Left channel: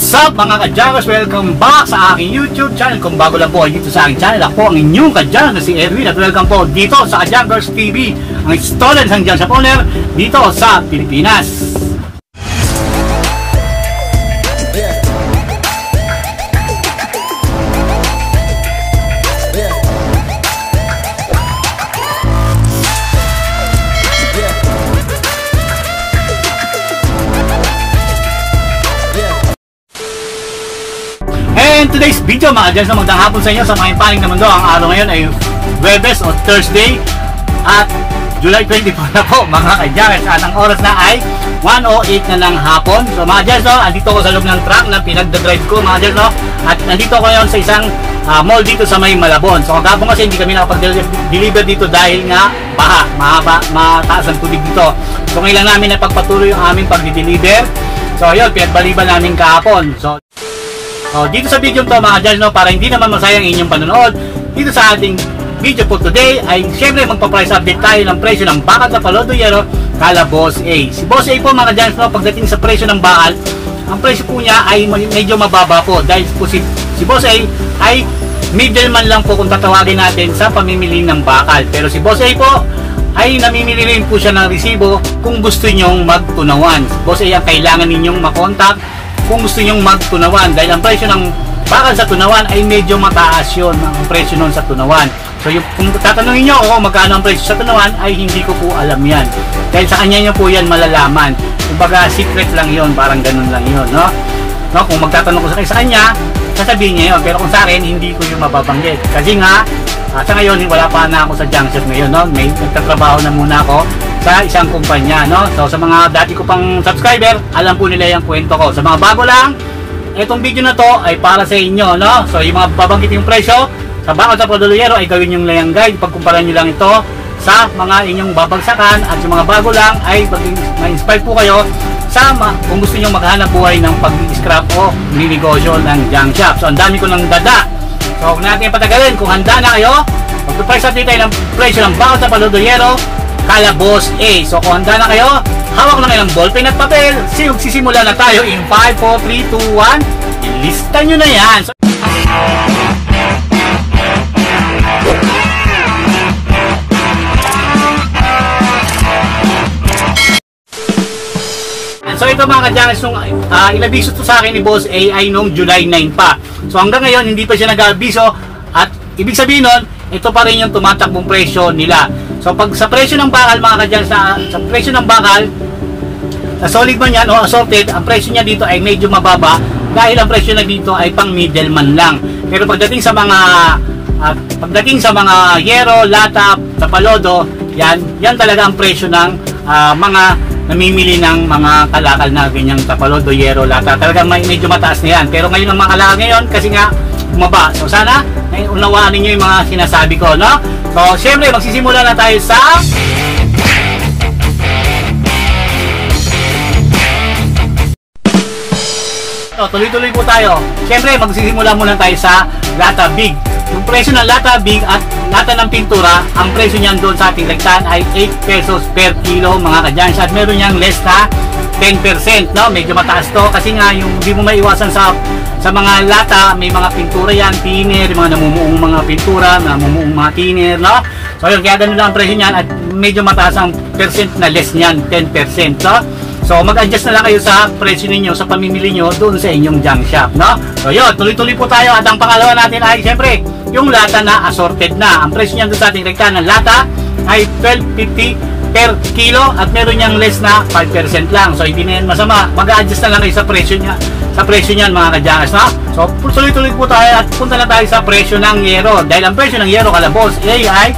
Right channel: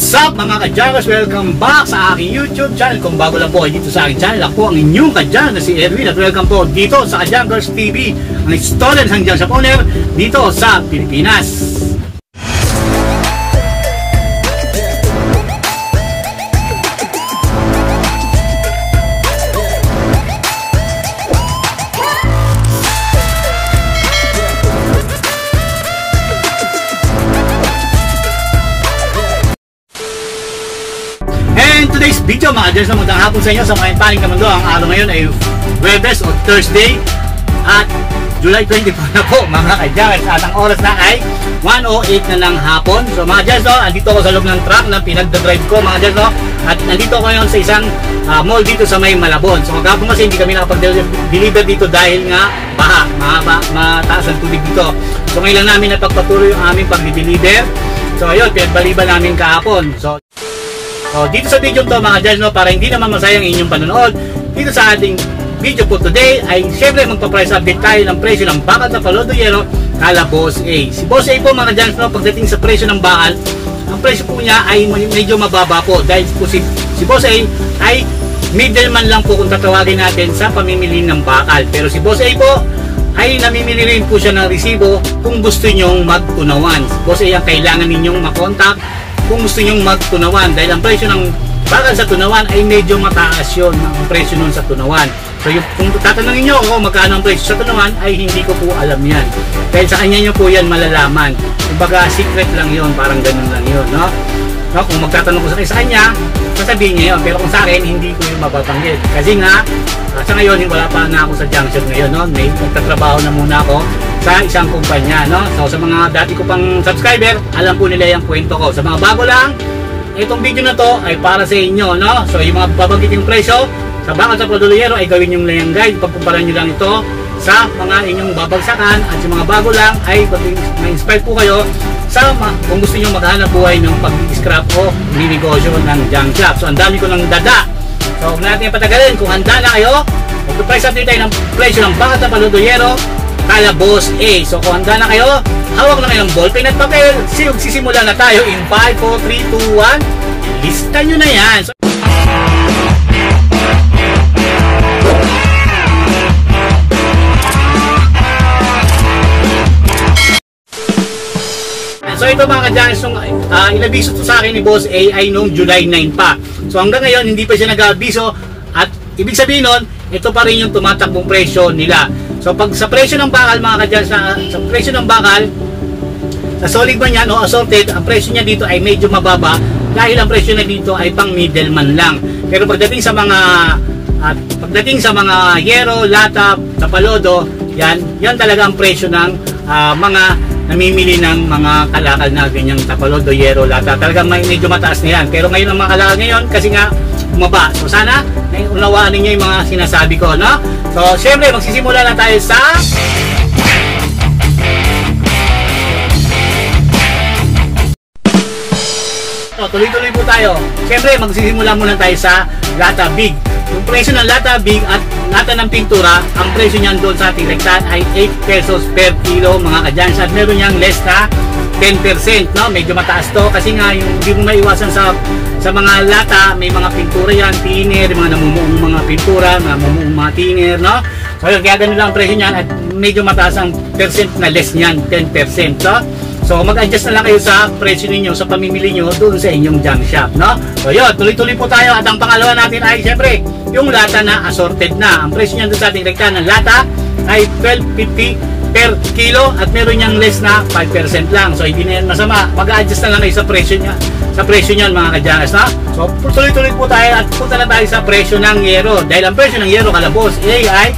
What's up mga ka-Jackers? Welcome back sa aking YouTube channel. Kung bago lang po dito sa aking channel, ako ang inyong ka-Jackers na si Erwin. At welcome po dito sa ka-Jackers TV, ang installer ng Junk Shop owner dito sa Pilipinas. And today's video mga ka-Jackers, na magandang hapon sa inyo sa mga paling na mundo. Ang araw ngayon ay Webes o Thursday at July 24 na po mga ka-Jackers. At ang oras na ay 1:08 na ng hapon. So mga ka-Jackers, andito ko sa loob ng truck na pinagdadrive ko mga ka-Jackers. At nandito ko ngayon sa isang mall dito sa may Malabon. So kagapon kasi hindi kami nakapag-deliver dito dahil nga baha, mataas ang tubig dito. So ngayon lang namin napagpatuloy yung aming pag-deliver. So ayun, pinagbaliban namin kahapon. So dito sa video to mga ka-Jackers, para hindi naman masayang inyong panonood, dito sa ating video po today ay syempre magpa-price update tayo ng presyo ng bakal na Palodoyero kala Boss A. Si Boss A po mga ka-Jackers, pagdating sa presyo ng bakal, ang presyo po niya ay medyo mababa po dahil po si Boss A ay middleman lang po kung tatawagin natin sa pamimili ng bakal. Pero si Boss A po ay namimili rin po siya ng resibo kung gusto nyong magtunawan. Si Boss A ang kailangan ninyong makontak kung gusto nyong magtunawan dahil ang presyo ng bakal sa tunawan ay medyo mataas yun ang presyo nun sa tunawan. So kung tatanungin nyo magkano ang presyo sa tunawan ay hindi ko po alam yan dahil sa kanya nyo po yan malalaman. Kumbaga secret lang yun, parang ganun lang yun, no? Kung magtatanong ko sa kanya, sasabihin niya yun, pero kung sa akin hindi ko yung mababanggit kasi nga sa ngayon wala pa na ako sa junk shop ngayon, no? May nagtatrabaho na muna ako sa isang kumpanya, no? So sa mga dati ko pang subscriber, alam po nila yung kwento ko. Sa mga bago lang, itong video na to ay para sa inyo, no? So yung mga babanggit yung presyo sa bakal sa Palodoyero ay gawin yung layang guide. Pagkumpara nyo lang ito sa mga inyong babagsakan, at yung mga bago lang ay ma-inspire po kayo sa kung gusto nyo maghanap buhay ng pag-scrap o ninegosyo ng junk shop. So ang dami ko ng dada. So huwag natin patagalin. Kung handa na kayo, mag-price update tayo ng presyo ng bakal sa Palodoyero kala Boss A. So kung handa na kayo, hawak na kayo ng ballpen at papel. Sisimula na tayo in 5, 4, 3, 2, 1. Ilista nyo na yan. So ito mga ka-Jackers, inabiso to sa akin ni Boss A ay noong July 9 pa. So hanggang ngayon hindi pa siya nag-abiso, at ibig sabihin nun, ito pa rin yung tumatakbong presyo nila. So pag sa presyo ng bakal mga ka-Jackers, sa presyo ng bakal sa solid man yan o assorted, ang presyo niya dito ay medyo mababa dahil ang presyo na dito ay pang middleman lang. Pero pagdating sa mga yero, lata, tapalodo, yan talaga ang presyo ng mga namimili ng mga kalakal na ganyang tapalodo, yero, lata. Talagang medyo mataas na yan. Pero ngayon ang mga kalakal ngayon kasi nga bumaba. So sana unawaan ninyo yung mga sinasabi ko, no? So syempre magsisimula na tayo sa tuloy-tuloy po tayo. Syempre magsisimula muna tayo sa lata big. Yung presyo ng lata big at lata ng pintura, ang presyo niyan doon sa ating lagtan ay 8 pesos per kilo mga ka-Jackers. At meron niyang less na 10%, no? Medyo mataas to kasi nga yung hindi mo maiwasan sa mga lata, may mga pintura yan, thinner, mga namumuong mga pintura, namumuong mga thinner, no? So yun, kaya ganun lang ang presyo niyan at medyo mataas ang percent na less niyan, 10%, no? So mag-adjust na lang kayo sa presyo ninyo, sa pamimili nyo doon sa inyong junk shop, no? So yun, tuloy-tuloy po tayo. At ang pangalawa natin ay syempre yung lata na assorted na. Ang presyo niyan doon sa ating rekta ng lata ay 12.50 per kilo at meron niyang less na 5% lang. So hindi na yan masama. Mag-adjust na lang kayo sa presyo niya, sa presyo niyan mga ka-Jackers, no? So tuloy-tuloy po tayo at punta na tayo sa presyo ng yero. Dahil ang presyo ng yero kala Boss A ay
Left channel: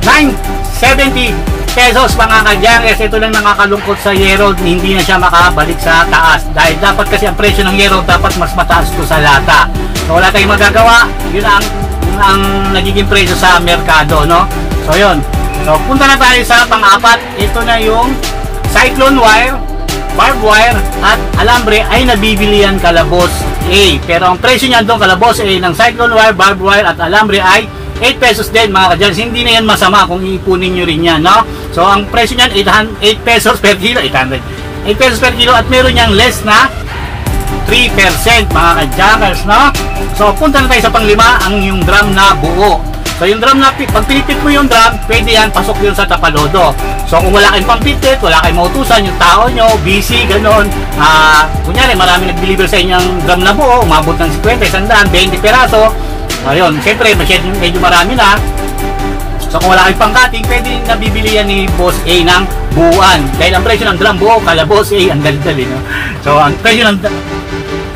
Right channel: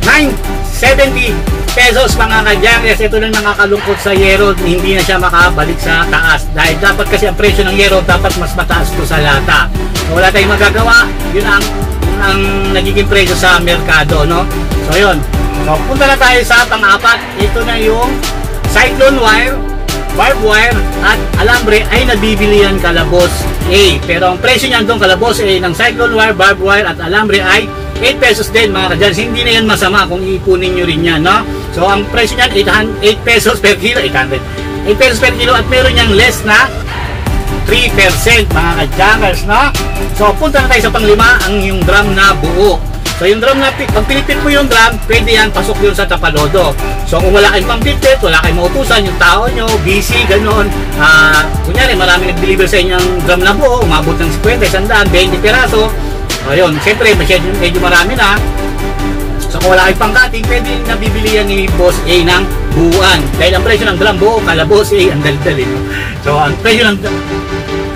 970 pesos mga ka-Jackers. Ito lang nakakalungkot sa yero, hindi na siya makabalik sa taas dahil dapat kasi ang presyo ng yero dapat mas mataas to sa lata. So wala tayong magagawa, yun ang nagiging presyo sa merkado, no? So yun, so punta na tayo sa pang-apat. Ito na yung cyclone wire, barbed wire at alambre ay nabibili yan kala Boss A. Pero ang presyo niyan doon kala Boss A ng cyclone wire, barbed wire at alambre ay 8 pesos din mga ka-Jackers. Hindi na yan masama kung ipunin nyo rin yan, no? So ang presyo niyan 8 pesos per kilo, 800. 8 pesos per kilo at meron niyang less na 3 3% mga ka-jackers, no? So punta na tayo sa panglima, ang yung drum na buo. So yung drum na, pag pinipit mo yung drum, pwede yan, pasok yun sa tapalodo. So kung wala kayong pang-pit, wala kayong mautusan, yung tao nyo, busy, gano'n. Kunyari, marami nag-deliver sa inyong drum na buo, umabot ng 50, 100, 20 peraso. Ayun, siyempre, medyo marami na. So kung wala kayong pang-cutting, pwede nabibili yan ni Boss A ng buuan. Dahil ang presyo ng drum buo, kala Boss A, ang dal-dal. So ang presyo ng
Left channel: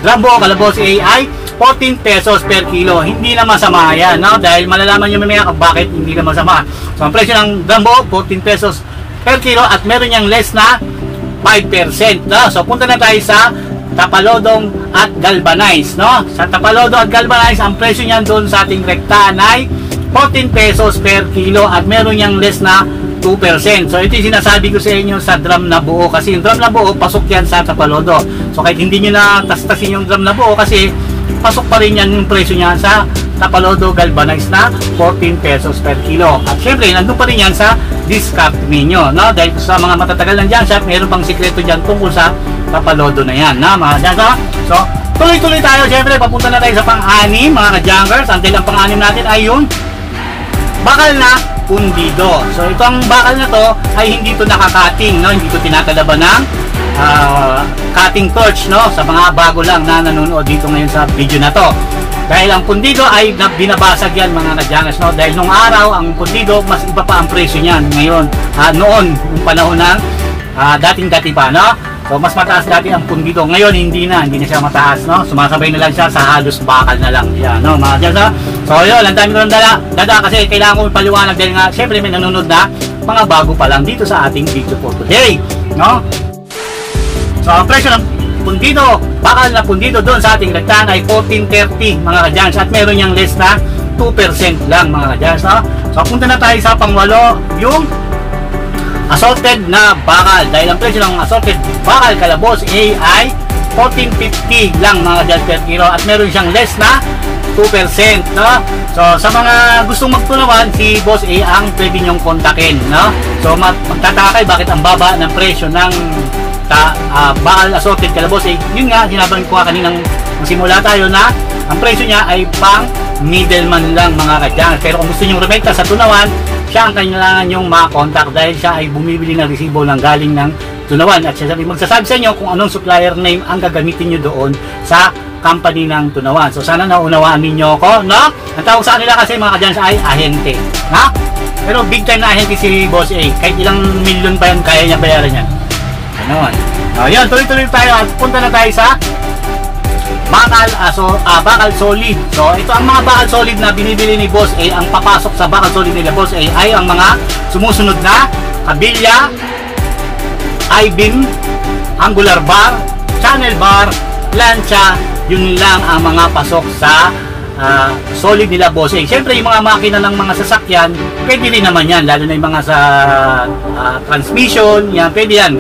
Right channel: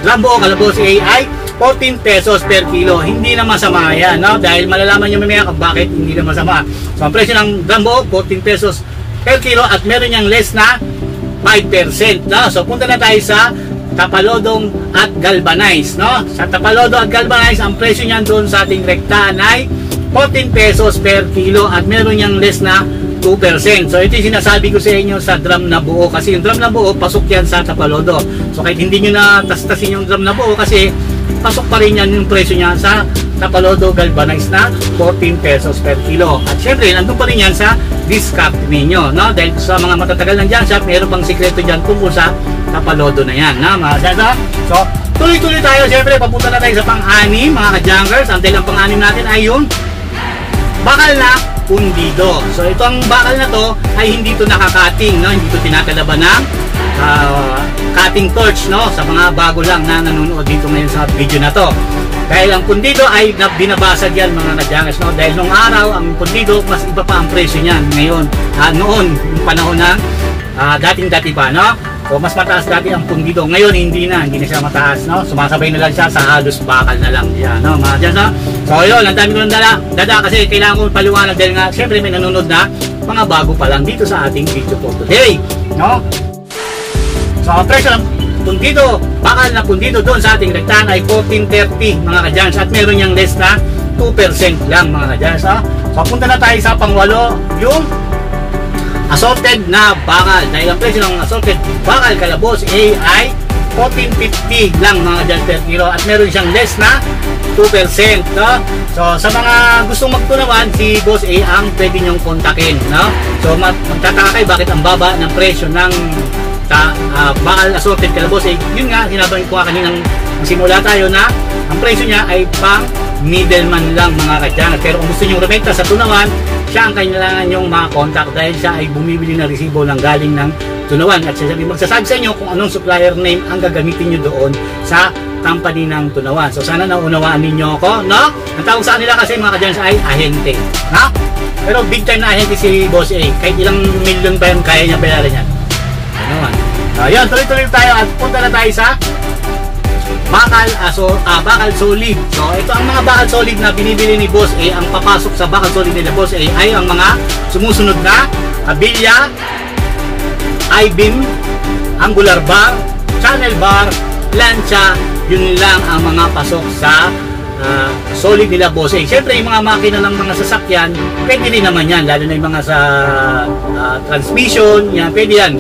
drum buo, kala Boss A ay 14 pesos per kilo. Hindi na masama yan, no? Dahil malalaman nyo mamaya kung bakit hindi na masama. So ang presyo ng drum buo, 14 pesos per kilo at meron niyang less na 5%, no? So punta na tayo sa Tapalodong at Galvanize, no? Sa Tapalodo at Galvanize, ang presyo niyan doon sa ating rektaan ay 14 pesos per kilo at meron niyang less na 2%. So ito yung sinasabi ko sa inyo sa drum na buo, kasi yung drum na buo pasok yan sa Tapalodo. So kahit hindi nyo na tas-tasin yung drum na buo, kasi pasok pa rin yan yung presyo niya sa Tapalodo Galvanize na 14 pesos per kilo. At syempre nandun pa rin yan sa discount ninyo, no? Dahil sa mga matatagal ng dyan shop, meron pang sikreto dyan tungkol sa Tapalodo na yan, na mga dyan. So tuloy-tuloy tayo, syempre papunta na tayo sa pang-anim mga ka-junkers. Until ang pang-anim natin ay yung bakal na pundido. So itong bakal na to ay hindi to nakakating, no? Hindi to tinatalaban ng cutting torch, no? Sa mga bago lang na nanonood dito ngayon sa video na to. Dahil ang pundido ay binabasag yan mga ka-junkers, no? Dahil nung araw ang pundido mas iba pa ang presyo niyan. Ngayon, noon yung panahon ng dating-dati pa, no? So mas mataas dati ang pundido. Ngayon hindi na siya mataas, no? Sumasabay na lang siya sa halos bakal na lang yan, no mga dyan, no? So yun, ang dami ko ng dada kasi kailangan ko paliwanag dahil nga syempre may nanonood na mga bago pa lang dito sa ating video for today, no? So ang presyo ng pundido, bakal na pundido doon sa ating rektaan ay 14.30 mga kadyans at meron niyang less na 2% lang mga kadyans, no? So punta na tayo sa pangwalo, yung assorted na bakal. Dahil ang presyo ng assorted bakal kala Boss A ay 14.50 lang mga dyan per kilo at meron siyang less na 2%, no? So sa mga gustong magtunawan, si Boss A ang pwede nyong kontakin, no? So magtataka kayo bakit ang baba ng presyo ng bakal assorted kala Boss A. Yun nga, sinabi ko kaninang simula tayo na ang presyo niya ay pang middleman lang mga kadyang. Pero kung gusto nyong rumenta sa tunawan, siya ang kailangan nyong makakontakt dahil siya ay bumibili ng resibo ng galing ng tunawan at siya magsasabi sa inyo kung anong supplier name ang gagamitin nyo doon sa company ng tunawan. So sana naunawaan ninyo ako, no? Ang tawag sa kanila kasi mga kadyans ay ahente, no? Pero big time na ahente si Boss A. Kahit ilang milyon pa yan, kaya niya bayaran yan. Ano? So yun, tuloy-tuloy tayo at punta na tayo sa bakal solid. So ito ang mga bakal solid na binibili ni Boss A. Ang papasok sa bakal solid nila Boss A ay ang mga sumusunod na kabilya, I-beam, angular bar, channel bar, plancha. Yun lang ang mga pasok sa solid nila Boss A. Siyempre yung mga makina ng mga sasakyan pwede rin naman yan, lalo na yung mga sa transmission, yan, pwede yan.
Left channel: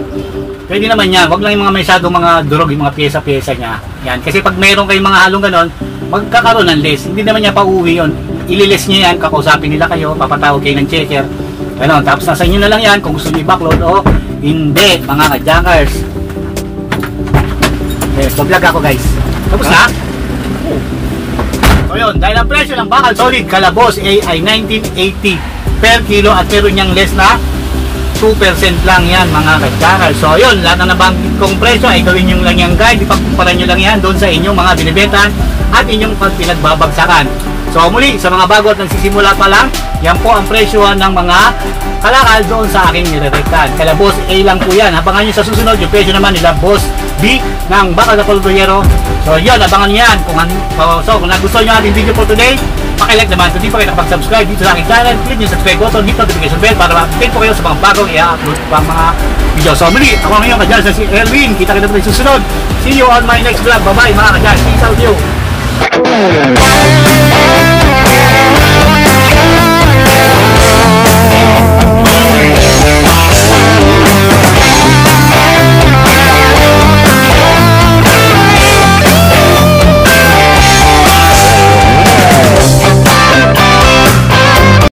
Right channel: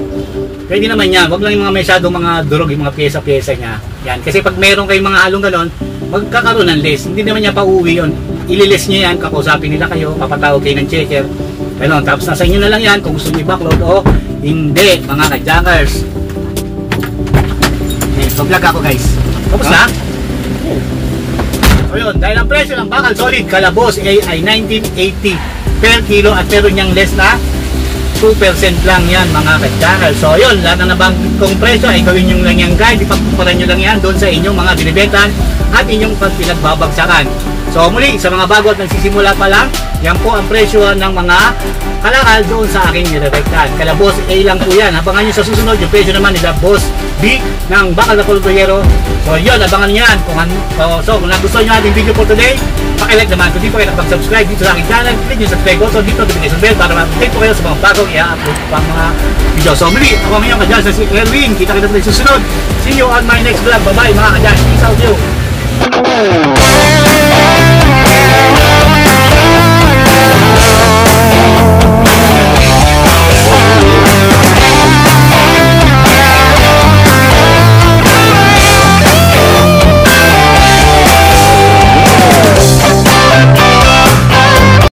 Pwede naman yan. Huwag lang yung mga masyadong mga durog, yung mga pyesa-pyesa niya. Yan. Kasi pag mayroon kayong mga halong ganon, magkakaroon ng less. Hindi naman niya pa-uwi yun. Ililis niya yan, kakusapin nila kayo, papatawag kayo ng checker. Ganon. Tapos nasa inyo na lang yan kung gusto niyo i-backload o hindi, mga ka-jackers. Okay, so vlog ako guys. Tapos na? So yun, dahil ang presyo ng bakal solid kala Boss A ay 19.80 per kilo at meron niyang less na 2% lang yan mga ka-channel. So yun, lahat na nabanggit kong presyo ay gawin nyo lang yan guys, ipagkumparan nyo lang yan doon sa inyong mga binibentan at inyong pinagbabagsakan. So muli, sa mga bago at nagsisimula pa lang, yan po ang presyo ng mga kalakal doon sa aking nirerektahan. Kala Boss A lang po yan. Abangan nyo sa susunod yung presyo naman nila Boss B ng bakal na polvoyero. So yun, abangan nyo yan. Kung nagustuhan nyo ating video for today, pakilike naman. Kung di pa kayo nakapag-subscribe dito sa aking channel, click nyo subscribe also, hit notification bell para ma-update po kayo sa mga bagong i-upload pang mga video. So muli, ako ngayon kadyan sa si Erwin. Kita-kita po tayo susunod. See you on my next vlog. Bye-bye mga kadyan. Peace out you.